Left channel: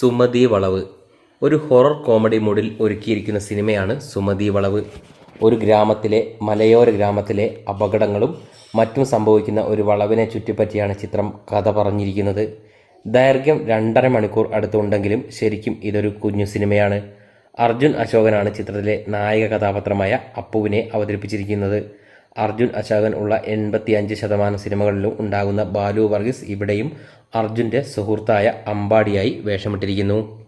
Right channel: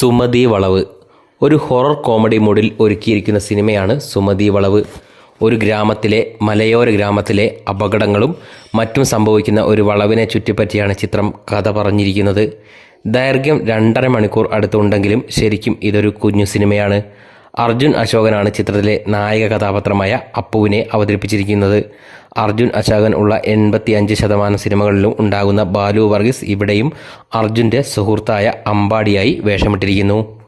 സുമതി വളവ്. ഒരു horror comedy മൂഡിൽ ഒരുക്കിയിരിക്കുന്ന സിനിമയാണ് സുമതി വളവ്. ഒരു ഗ്രാമത്തിലെ മലയോര ഗ്രാമത്തിലെ അപകടങ്ങളും മറ്റും സംഭവിക്കുന്ന ഒരു വളവിനെ ചുറ്റിപ്പറ്റിയാണ് ചിത്രം കഥ പറഞ്ഞിരിക്കുന്നത്. ദൈർഘ്യം രണ്ടര മണിക്കൂർ അടുത്തുണ്ടെങ്കിലും ശരിക്കും ഇതൊരു കുഞ്ഞു സിനിമയാണ്. അർജുൻ അശോകനാണ് ചിത്രത്തിലെ നായക കഥാപാത്രമായ അപ്പുവിനെ അവതരിപ്പിച്ചിരിക്കുന്നത്. അർജുൻ അശാകൻ ഉള്ള എൺപത്തി അഞ്ച് ശതമാനം സിനിമകളിലും ഉണ്ടാകുന്ന ബാലു വർഗീസ് ഇവിടെയും അർജുന്റെ സുഹൃത്തായ അമ്പാടിയായി വേഷമിട്ടിരിക്കുന്നു.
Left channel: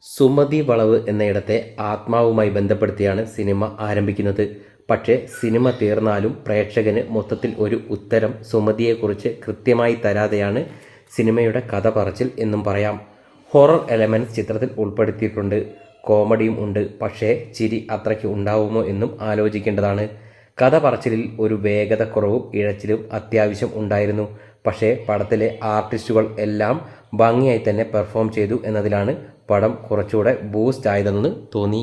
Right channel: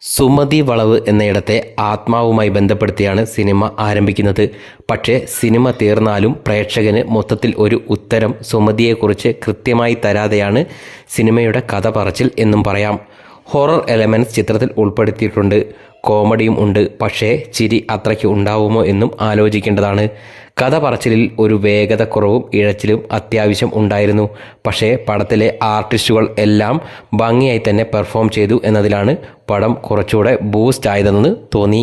സുമതി വളവ് എന്നയിടത്തെ ആത്മാവുമായി ബന്ധപ്പെടുത്തിയാണ് സിനിമ ആരംഭിക്കുന്നത്. പക്ഷേ സിനിമ തീർന്നാലും പ്രേക്ഷകന് മൊത്തത്തിൽ ഒരു ഉത്തരം സുമതിയെക്കുറിച്ച് കൃത്യമായി തരാതെയാണ് സിനിമയുടെ കഥ പറച്ചിൽ എന്നും പറയാം. ഹൊറർ എലമെന്റ്സ് ചിത്രത്തിൽ ഉൾപ്പെടുത്തിയിട്ടുണ്ട്. കോമഡിയും ഉണ്ട്. പക്ഷേ ചിരി അത്രയ്ക്ക് ഉണ്ടാവുമോ എന്നും ആലോചിക്കേണ്ടതാണ്. കഥ പറച്ചിലിൽ ഒരു വേഗത കുറവും ഇഴച്ചിലും അത്യാവശ്യം ഉണ്ടായിരുന്നു. പക്ഷേ പടത്തിലെ ആർട്ടിസ്റ്റുകൾ എല്ലാം ഭംഗിയായി തന്നെ പെർഫോം ചെയ്തു എന്നതിലാണ് പടം കുറച്ചുകൂടെ ബൂസ്റ്റ് ആയതെന്ന് തോന്നി.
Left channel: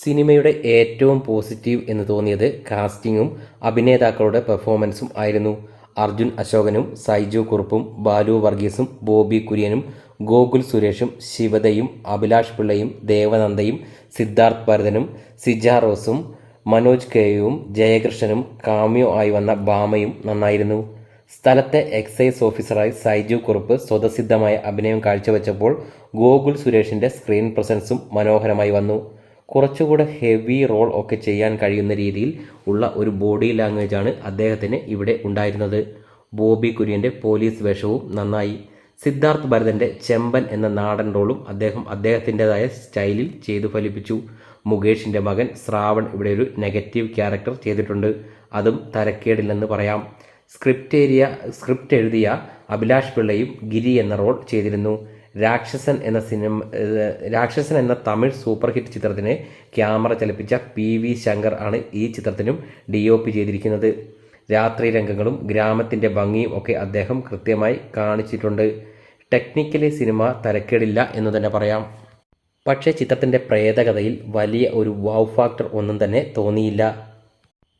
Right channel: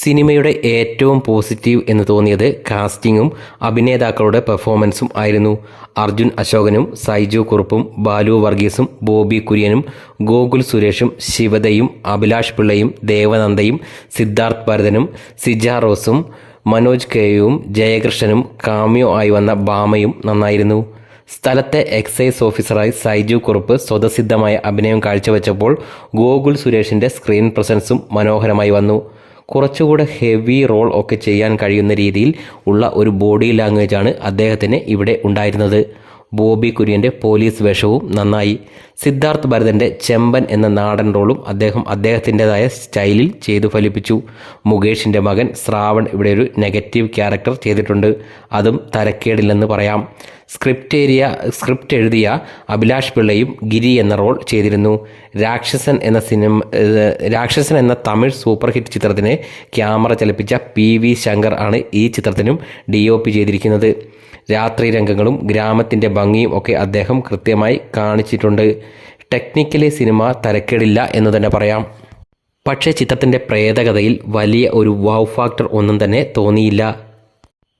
സിനിമയുടെ ഏറ്റവും പോസിറ്റീവ് എന്ന് തോന്നിയത് കാസ്റ്റിങ്ങും അഭിനേതാക്കളുടെ പെർഫോമൻസും ആയിരുന്നു. അർജുൻ അശോകനും സൈജു കുറുപ്പും ബാലു വർഗീസും ബോബി കുര്യനും ഗോകുൽ സുരേഷും ശിവതയും അഭിലാഷ് പിള്ളയും ദേവനന്ദയും സിദ്ധാർത്ഥ് ഭരതനും സിജ റോസും മനോജ് കെയും ജയകൃഷ്ണനും കാമ്യോ ആയി വന്ന ബാമയും നന്നായിരുന്നു. സ്ഥലത്തെ എക്സൈസ് ഓഫീസറായി സൈജു കുറുപ്പ് സ്വതസിദ്ധമായ അഭിനയം കാഴ്ചവെച്ചപ്പോൾ ഗോകുൽ സുരേഷിന്റെ സ്ക്രീൻ പ്രസൻസും മനോഹരമായി വന്നു. കുറച്ചുകൂടെ ഹെവി റോൾ ഒക്കെ ചെയ്യാൻ കഴിയുന്ന രീതിയിൽ ഉള്ള ഒരു ബോഡി ലാംഗ്വേജാണ് അദ്ദേഹത്തിന് ഇവിടെ ഉണ്ടായിരുന്നത്. ബോബി കുര്യന്റെ പോലീസ് വേഷവും നന്നായി. സിദ്ധാർത്ഥ് ഭരതന്റെ ചെമ്പൻ എന്ന നാടൻ റോളും അദ്ദേഹം അദ്ദേഹത്തിന്റെതായ സ്റ്റൈലിൽ ചെയ്തു ഫലിപ്പിച്ചു. മുകേഷിന്റെ മകൻ ശ്രാവൺ ഇവിടെ ഒരു നെഗറ്റീവ് ക്യാരക്ടർ ചെയ്തിട്ടുണ്ട്. അതും തരക്കേടില്ലെന്ന് പറയാം. സ്ക്രിപ്റ്റ് ഏരിയ സ്ക്രിപ്റ്റ് എഴുതിയ അഭിലാഷ് പിള്ളയും ഗിരി എന്ന റോൾ ചെയ്തിരുന്നു. രാക്ഷസൻ എന്ന സിനിമ രാക്ഷസൻ എന്ന തമിഴ് സൂപ്പർ ഹിറ്റ് ചിത്രത്തിനെ ക്യാമറ ചലിപ്പിച്ച പി വി ശങ്കർ ആണ് ഈ ചിത്രത്തിനും ഡി ഒ പി ചെയ്തിരിക്കുന്നത്. രാത്രി രംഗങ്ങളും ഗ്രാമത്തിന്റെ ഭംഗിയും ഒക്കെ അദ്ദേഹം കൃത്യമായി കാണിച്ചിട്ടുണ്ട്. ടെക്നിക്കലി സിനിമ തരക്കേടില്ല എന്ന് തന്നെ പറയാം. പക്ഷേ ചിത്രത്തിന്റെ പ്രേതകഥയിൽ വലിയ ഒരു വൗ ഫാക്ടർ ഒന്നും തന്നെ തോന്നിയില്ല.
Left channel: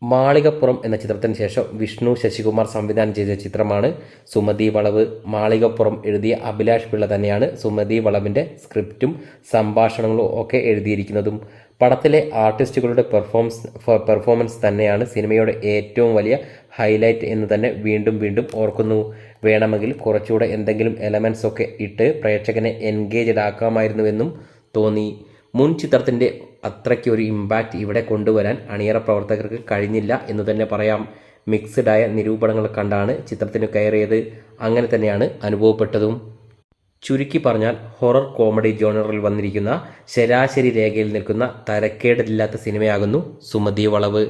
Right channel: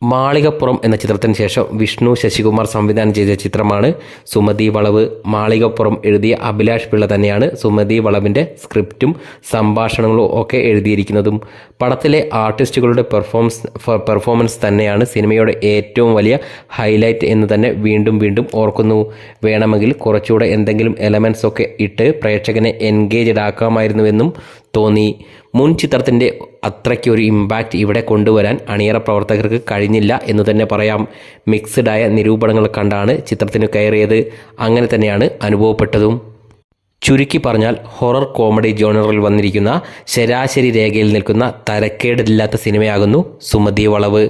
മാളികപ്പുറം എന്ന ചിത്രത്തിന് ശേഷം വിഷ്ണു ശശികുമാർ സംവിധാനം ചെയ്ത ചിത്രമാണ് സുമതി വളവ്. മാളികപ്പുറം എഴുതിയ അഭിലാഷ് പിള്ള തന്നെയാണ് സുമതി വളവിന്റെ സ്ക്രിപ്റ്റും സംഭാഷണങ്ങളും ഒക്കെ എഴുതിയിരിക്കുന്നതും. പടത്തിലെ ആർട്ടിസ്റ്റുകളുടെ പെർഫോമൻസ് പെർഫോമൻസ് തന്നെയാണ് സിനിമയുടെ ഏറ്റവും വലിയ ഹൈലൈറ്റ് എന്ന് തന്നെ വീണ്ടും വീണ്ടും ഓർക്കുന്നു. വേണമെങ്കിൽ കുറച്ചുകൂടെ എന്തെങ്കിലും എലമെൻസ് ഒക്കെ ഇട്ട് പ്രേക്ഷകനെ എൻഗേജ്ഡ് ആക്കാമായിരുന്നുവെന്നും തോന്നി. മുൻ ചിത്രത്തിന്റെ അത്രയ്ക്ക് ഒരു ഇമ്പാക്റ്റ് ഇവിടെ കൊണ്ടുവരാൻ അണിയറ പ്രവർത്തകർക്ക് കഴിഞ്ഞില്ല എന്ന് തന്നെ പറയാം. മിക്സഡായ നിരൂപണങ്ങൾ കണ്ടാണ് ചിത്രത്തിന് കയറിയത്. അങ്ങനെ തന്നെയാണ് അനുഭവപ്പെട്ടതും. ചുരുക്കി പറഞ്ഞാൽ ഹൊറർ കോമഡി ജോണറിൽ വന്നിരിക്കുന്ന ശരാശരി രേഖയിൽ നിൽക്കുന്ന തരക്കേടില്ലാത്ത സിനിമയാകുന്നു സുമതി വളവ്.